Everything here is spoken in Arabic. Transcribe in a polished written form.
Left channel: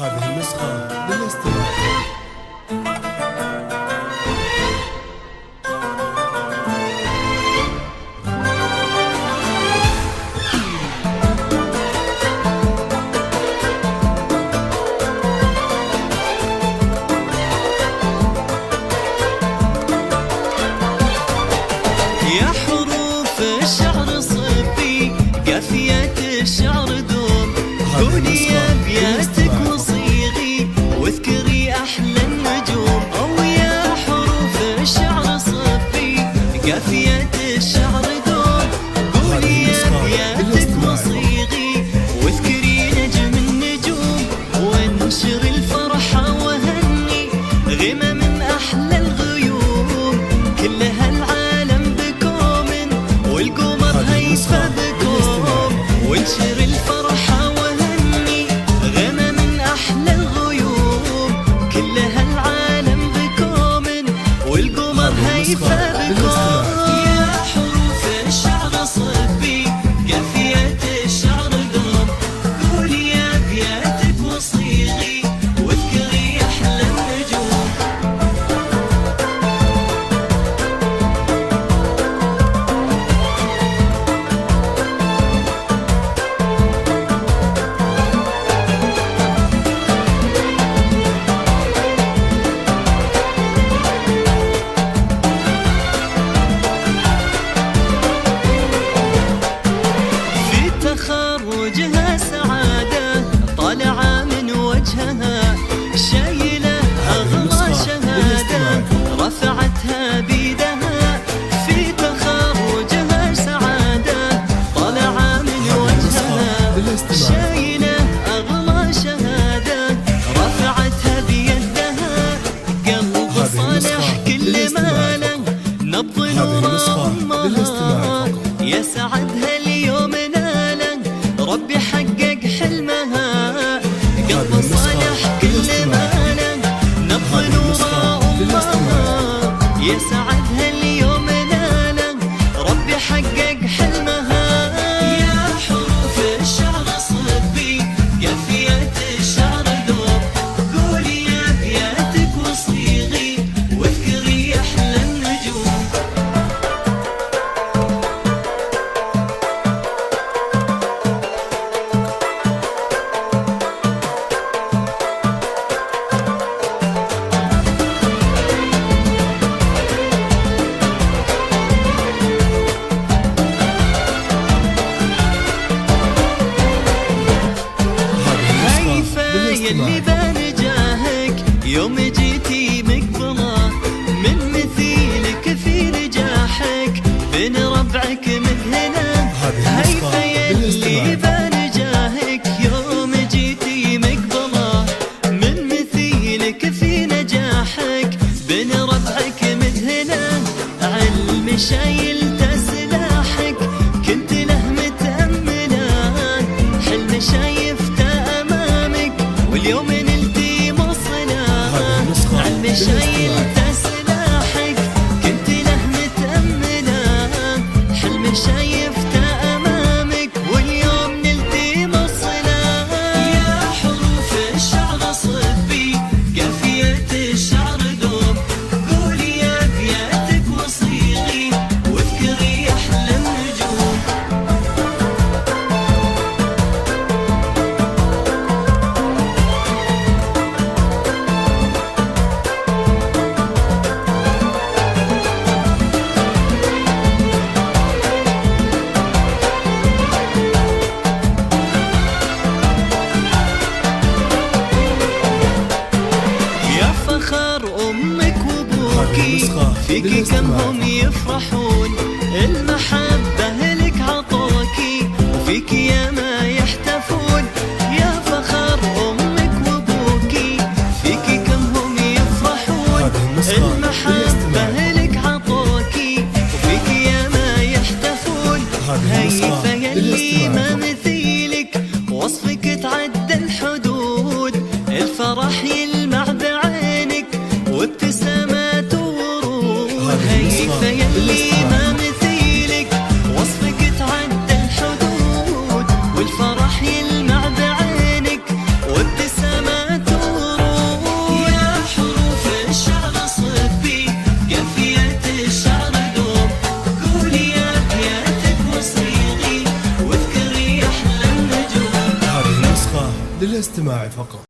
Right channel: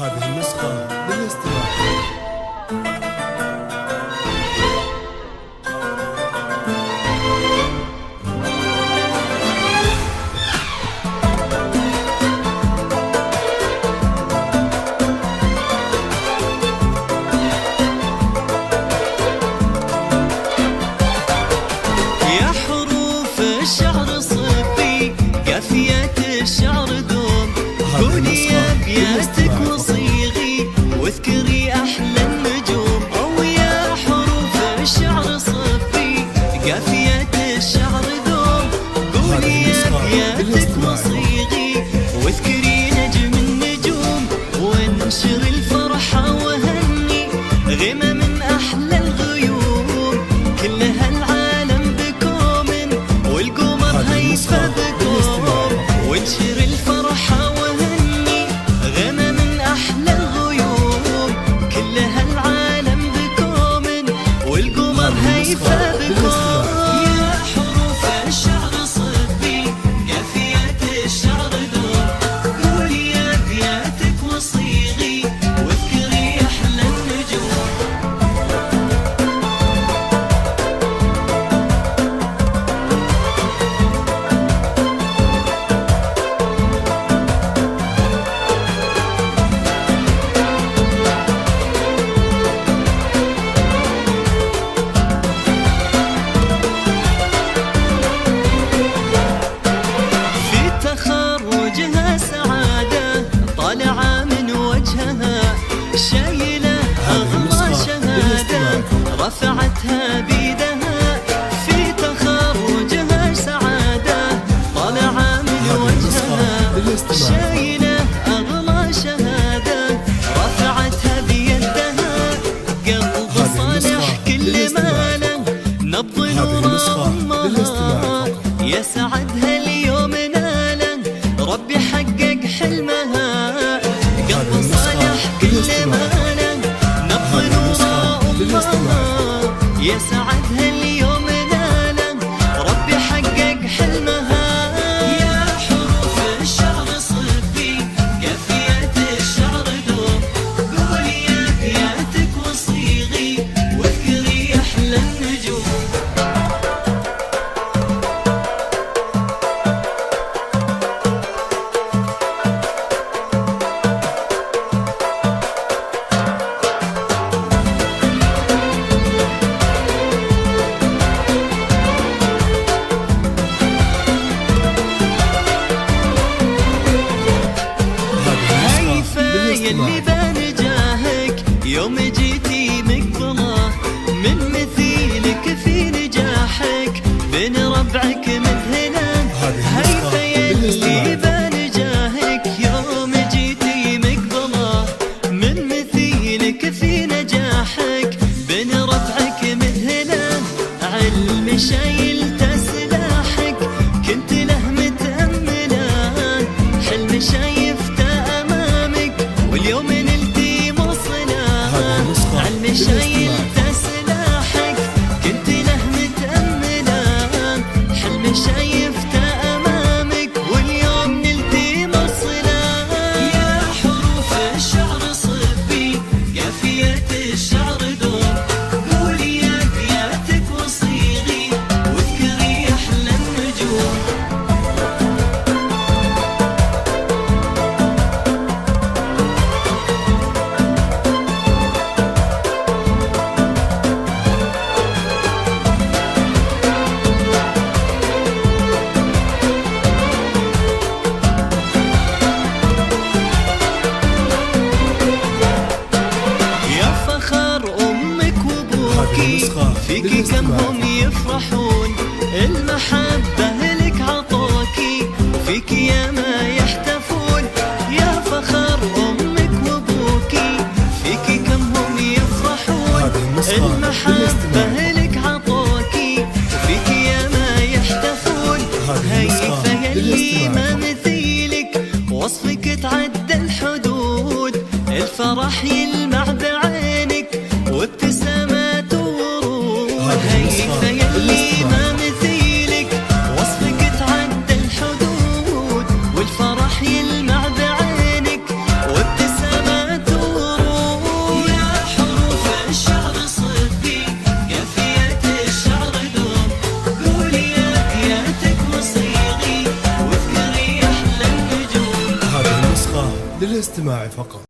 هذه النسخة للاستماع. يا حروف الشعر صبي قافية الشعر دوم، قولي يا ابياتك وصيغي واذكري احلى النجوم. او يا حروف الشعر صبي قافية الشعر دوم، قولي يا ابياتك وصيغي واذكري نجم النجوم. وانشر الفرحة وهني غمى من احلى الغيوم، كلها العالم والقمر هيفى بكم. وانشر الفرحة وهني غمى من أحلى الغيوم، كلها العالم بكم والقمر هيفى بكم. يا حروف الشعر صبي قافية الشعر دوم، قولي يا أبياتك وصيغي واذكري أحلى النجوم. تخرجها سعادة طالعة من وجهها، شايلة أغلى شهادة رفعتها بيدها. في تخرجها سعادة طالعة من وجهها، شايلة أغلى شهادة رفعتها بيدها. قلب صالح كل ماله نبض نور أمها، يسعدها اليوم ناله ربي حقق حلمها. قلب صالح كل ماله نبض نور أمها، يسعدها اليوم ناله ربي حقق حلمها. يا حروف الشعر صبي قافية الشعر دوم، قولي يا أبياتك وصيغي واذكري أحلى النجوم. يلي بنجاهك يوم جيتي مقبله، من مثيلك في نجاحك بين ربعك مذهله. هيفا يلي بنجاهك يوم جيتي مقبله، من مثيلك في نجاحك بين ربعك مذهله. علم شايلته سلاحك كنت له متأمله، حلم شايفته واليوم نلتي مصله. علم شايلته سلاحك كنت له متأمله، حلم شايفته أمامك واليوم نلتي مصله. يا حروف الشعر صبي قافية الشعر دوم، قولي يا أبياتك وصيغي واذكري أحلى النجوم. يا فخر أمك وأبوكي فيكي كم هم يفرحون، المحبة لك عطوكي وفيكي يا ما يحتفون. يا فخر أمك وأبوكي فيكي كم هم يفرحون، المحبة لك عطوكي وفيكي يا ما يحتفون. هيفا يلي ما مثيلك وصفك تعدى الحدود، الفرح يلمع بعينك وابتسامات ورود. هيفا يلي ما مثيلك وصفك تعدى الحدود، والفرح يلمع بعينك وابتسامات للاستماع فقط.